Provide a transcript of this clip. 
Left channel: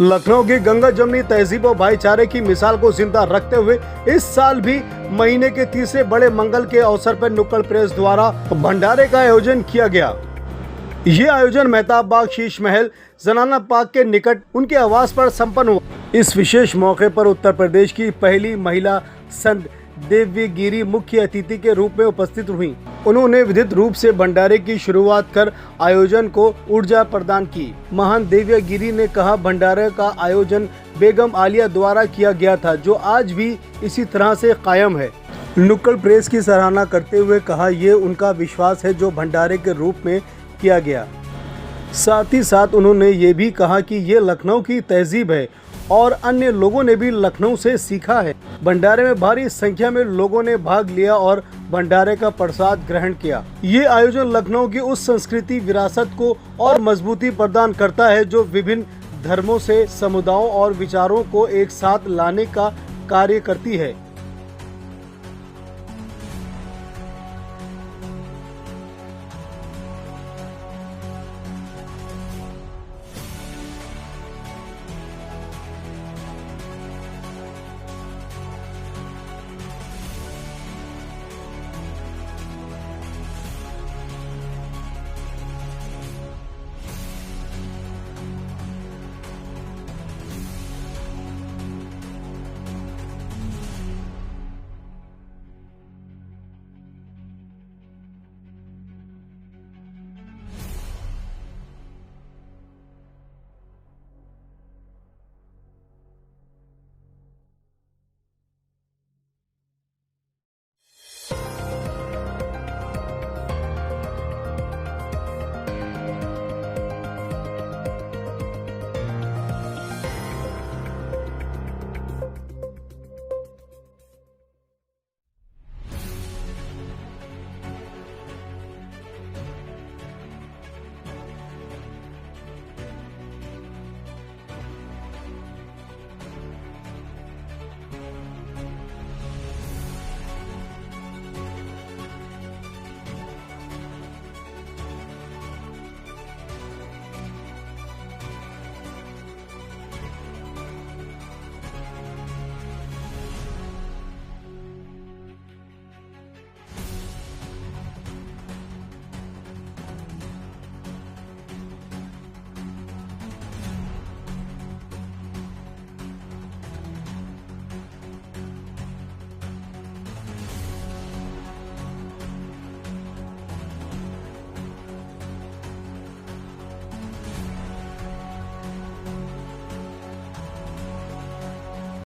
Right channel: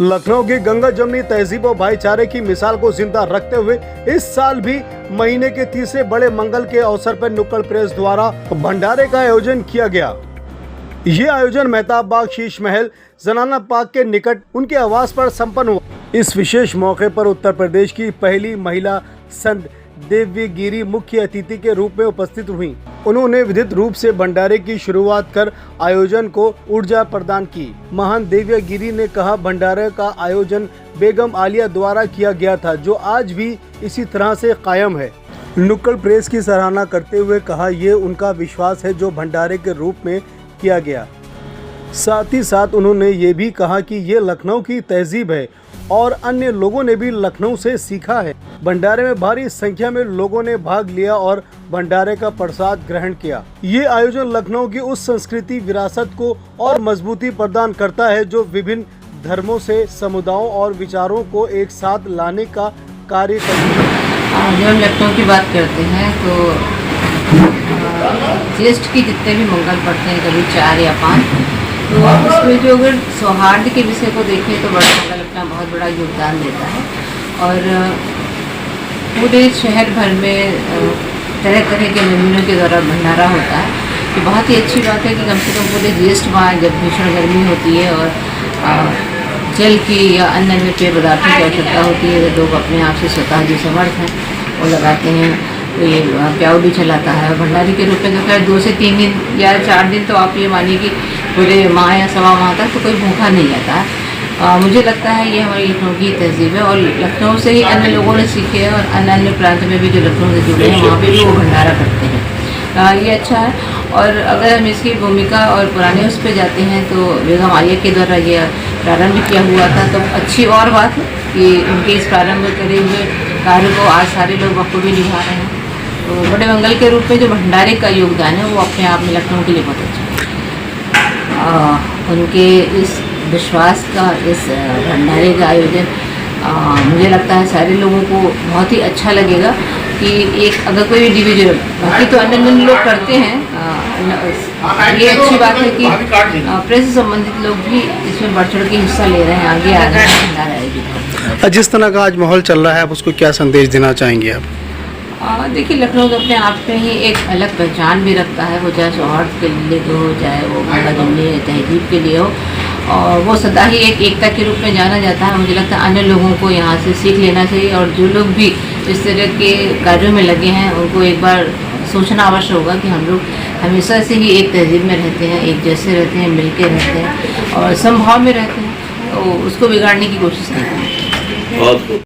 लखनऊ की गंगा जमनी तहजीब और भाईचारे की मिसाल को जिंदा रखते हुए इस साल भी महीने के तीसरे बड़े मंगल के अवसर पर नुक्कड़ प्रेस द्वारा भंडारे का आयोजन किया गया। ये आयोजन मेहताब बाग शीश महल जनाना पार्क के निकट उनके आवास पर संपन्न हुआ। इस विशेष मौके पर उत्तर प्रदेश की पहली महिला संत देवगिरी मुख्य अतिथि के रूप में उपस्थित हुई। उन्होंने विधित रूप से भंडारे की शुरुआत कर आयोजन को ऊर्जा प्रदान की। महान देवगिरी ने कहा, भंडारे का आयोजन बेगम आलिया द्वारा किया गया था, जो आज भी इसी तरह से कायम है। नुक्कड़ प्रेस की सराहना करते हुए कहा, ये उनका विश्वास है जो भंडारे के रूप में किया गया। साथ ही साथ उन्होंने ये भी कहा कि ये लखनऊ की तहजीब है और अन्य लोगों ने भी लखनऊ से सीखा है। भंडारे में भारी संख्या में लोगों ने भाग लिया और भंडारे का प्रसाद ग्रहण किया। ये आयोजन लखनऊ की उस संस्कृति विरासत को और मजबूती प्रदान करता है जो विभिन्न धर्मों से समुदायों और विचारों को एक साथ लाने का कार्य करती है। जब हम लखनऊ की बात करते हैं तो ज्येष्ठ की जितने भी मंगल पड़ते हैं, कभी 4 या 5, तो उसमें जो अगर सौहार्द के विषय को देखें तो बड़ा मंगल अपना बहुत बड़ा योगदान देता है। और पूरे शहर भर में तरह तरह के मेन्यूओं के द्वारा भंडारा होता है। ये बहुत ही अच्छी बात है कि कम से कम पूरे ज्येष्ठ माह जब भीषण गर्मी होती है और जल की या अन्य पेय पदार्थों की आवश्यकता होती है, लोग अपने आप से स्वतः जो समर्थ हैं वो लगाते हैं। कोई प्याऊ भी चलाता है। भंडारी के रूप में तो खैर 2 से 3 दिन या 4 दिन तो आप ये मानिए कि पूरे माह या सवा माह तक तो कोई भूखा नहीं रहता है। मुझे लगता है ये हमारी लखनऊ की तहजीब है और लखनऊ से ही अन्य लोगों ने सीखे हैं और अन्य अन्य प्रांत में भी जो लखनऊ से जुड़े हैं वहाँ पे भी वो भंडारा करते हैं। ये अच्छा है। और अगर हम इसकी भूमिका और पुराने उस पर जाते हैं तो बेगम आलिया के द्वारा ये प्रारंभ किया हुआ था, तो अच्छी और बात है कि उनके इस प्रारंभ करे हुए कार्य को आज सारे लोग बखूबी निभा रहे हैं। तो बड़े मंगल के रूप में जो भंडारे का योगदान है वो अपने आप में लखनऊ के लिए बहुत अच्छा है। उनके इस विश्वास का, इस भंडारे का आयोजन मुझे लगता है सारे लोगों को बहुत ही अच्छा लगेगा कि एक अगर कोई इंडिविजुअल, बाकी तो अन्य अन्य लोग करते हैं, ये अच्छी बात है कि प्रेस से संबंधित लोग भी इसमें बढ़ चढ़ के हिस्सा ले रहे हैं, आगे आ रहे हैं भंडारा आयोजन। जिस तरह का आज माहौल चल रहा है, आप उसको क्या संदेश देना चाहेंगे आप? देखिए, लखनऊ तो अपने आप में ही एक अलग पहचान भी रखता है, वो चाहे सौहार्द के लिए हो, चाहे वो गंगा जमनी तहजीब के लिए हो, और वो सदा ही एक एकता के रूप में जाना जाता है। मुझे लगता है अन्य लोगों को यहाँ से सीख लेना चाहिए और जो लोग भी इस तरह के कार्यों में लगे हैं उनको एक बार सोचना अवश्य होगा कि हम लोग हमेशा से ही एक तहजीब में रहते हैं, एक जैसे रहते हैं, मिल के रहते हैं और समभाव में रहते हैं, तो उसको बिगाड़ने की कोशिश नहीं करें।